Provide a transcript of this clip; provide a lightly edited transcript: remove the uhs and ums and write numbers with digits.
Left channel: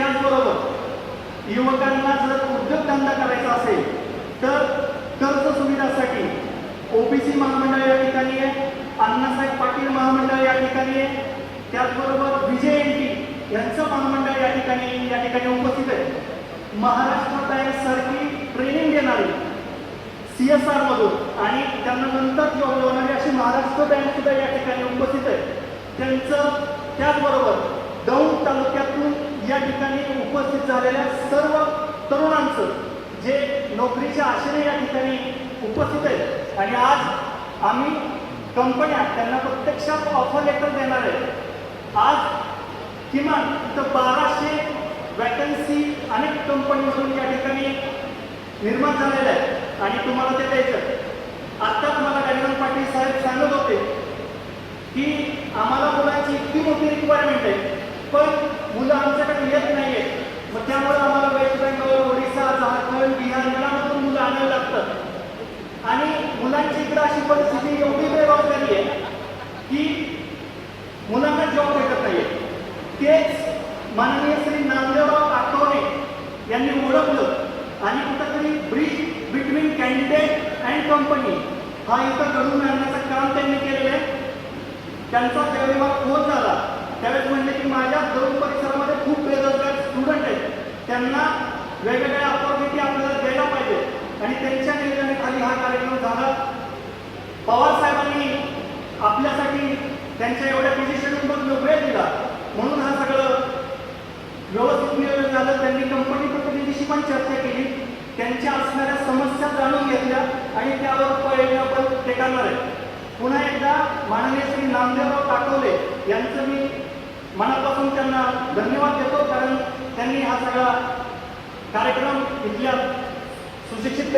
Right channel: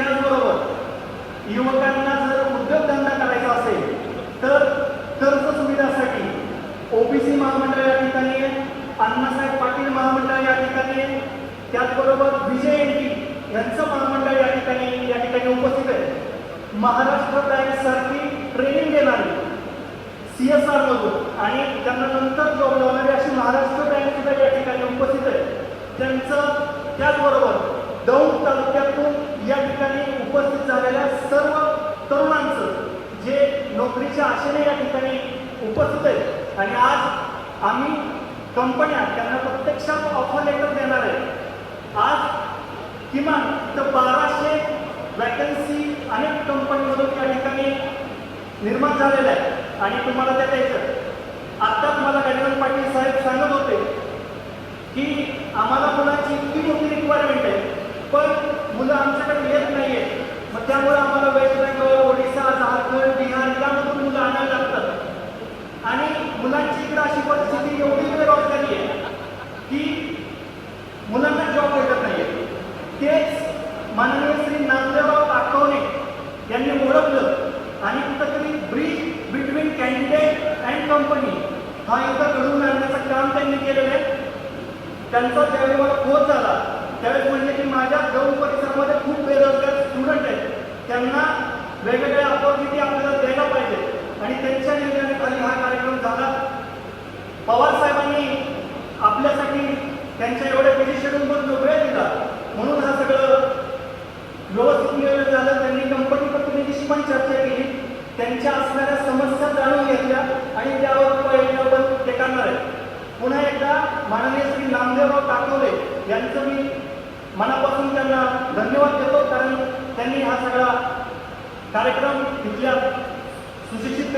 त्याचबरोबर युवकांना जर उद्योगधंदा करायचा असेल तर कर्ज सुविधासाठी ओबीसी महामंडळ या ठिकाणी आहे, अण्णासाहेब पाटील महामंडळ या ठिकाणी आहे, त्याचबरोबर विजयएनटी यांचं महामंडळ या ठिकाणी उपस्थित आहे. महाराष्ट्र बँक सारखी ट्रेनिंग देणारी CSR मधून आणि त्यांना नंतर जॉब लावणारी अशी महाराष्ट्र बँक सुद्धा या ठिकाणी उपस्थित आहे. त्यांचं त्याचबरोबर दौंड तालुक्यातून या ठिकाणी उपस्थित झालेल्या सर्व तरुणांचं जे नोकरीच्या आशेने या ठिकाणी उपस्थित आहेत आणि आज आम्ही कंपन्या त्यांना प्रत्यक्षात ऑफर लेटर देणार आहे. आज किमान 1200 वॅकन्सी अनेक कंपनीतून या ठिकाणी निर्माण झालेल्या आहे आणि तुम्हाला त्या द्यायचं. आत्ताच मला गजानन पाटील साहेब सांगत होते की आम्हाला मुलाची इतकी मोठी रिक्वायरमेंट आहे पण मुलं आमच्याकडे येत नाहीये, मग त्यामुळे आम्हाला वेस्ट बेंगॉल, ओडिशा, झारखंड, बिहार यामधून मुलं आणावं लागतं आणि मुलांची इकडे अशी परिस्थिती एवढी बेरोजगारी आहे की मुलांना जॉब भेटत नाहीये. तेच माननीय श्री नामदेवराव आठवले यांनी ओळखलं आणि कुठेतरी bridge between candidate and company हा इथं घडून आणण्याचं काम त्यांनी केलेलं आहे. त्यांचा जेव्हा खोज झाला त्यावेळेस म्हणजे की माझ्या दौंड परिसरामध्ये खूप बेरोजगार स्टुडंट आहेत, त्यांना वेगवेगळ्या ऑपॉर्च्युनिटी आपल्याला द्यायला पाहिजे आणि त्यांच्या नियोजनाखाली हा कार्यक्रम झाला. पवार साहेबांनी आपल्यासाठी त्यांच्या एवढ्या बिझी शेड्यूलमधून वेळ दिला म्हणून हा सगळं व्यवस्थित नियोजन झालं. त्यांनी कंपनी प्रतिनिधीशी पण चर्चा केली, त्यांच्या असणाऱ्या समस्या जाणून घेतल्या आणि त्यावर उपाययोजना ते करणार आहे. पुन्हा एकदा माननीय श्री नामदेवराव पाटोले यांचं मी मनापासून त्यांना धन्यवाद देतो कारण त्यांनी हा सगळा कार्यक्रम इथल्या सुशिक्षित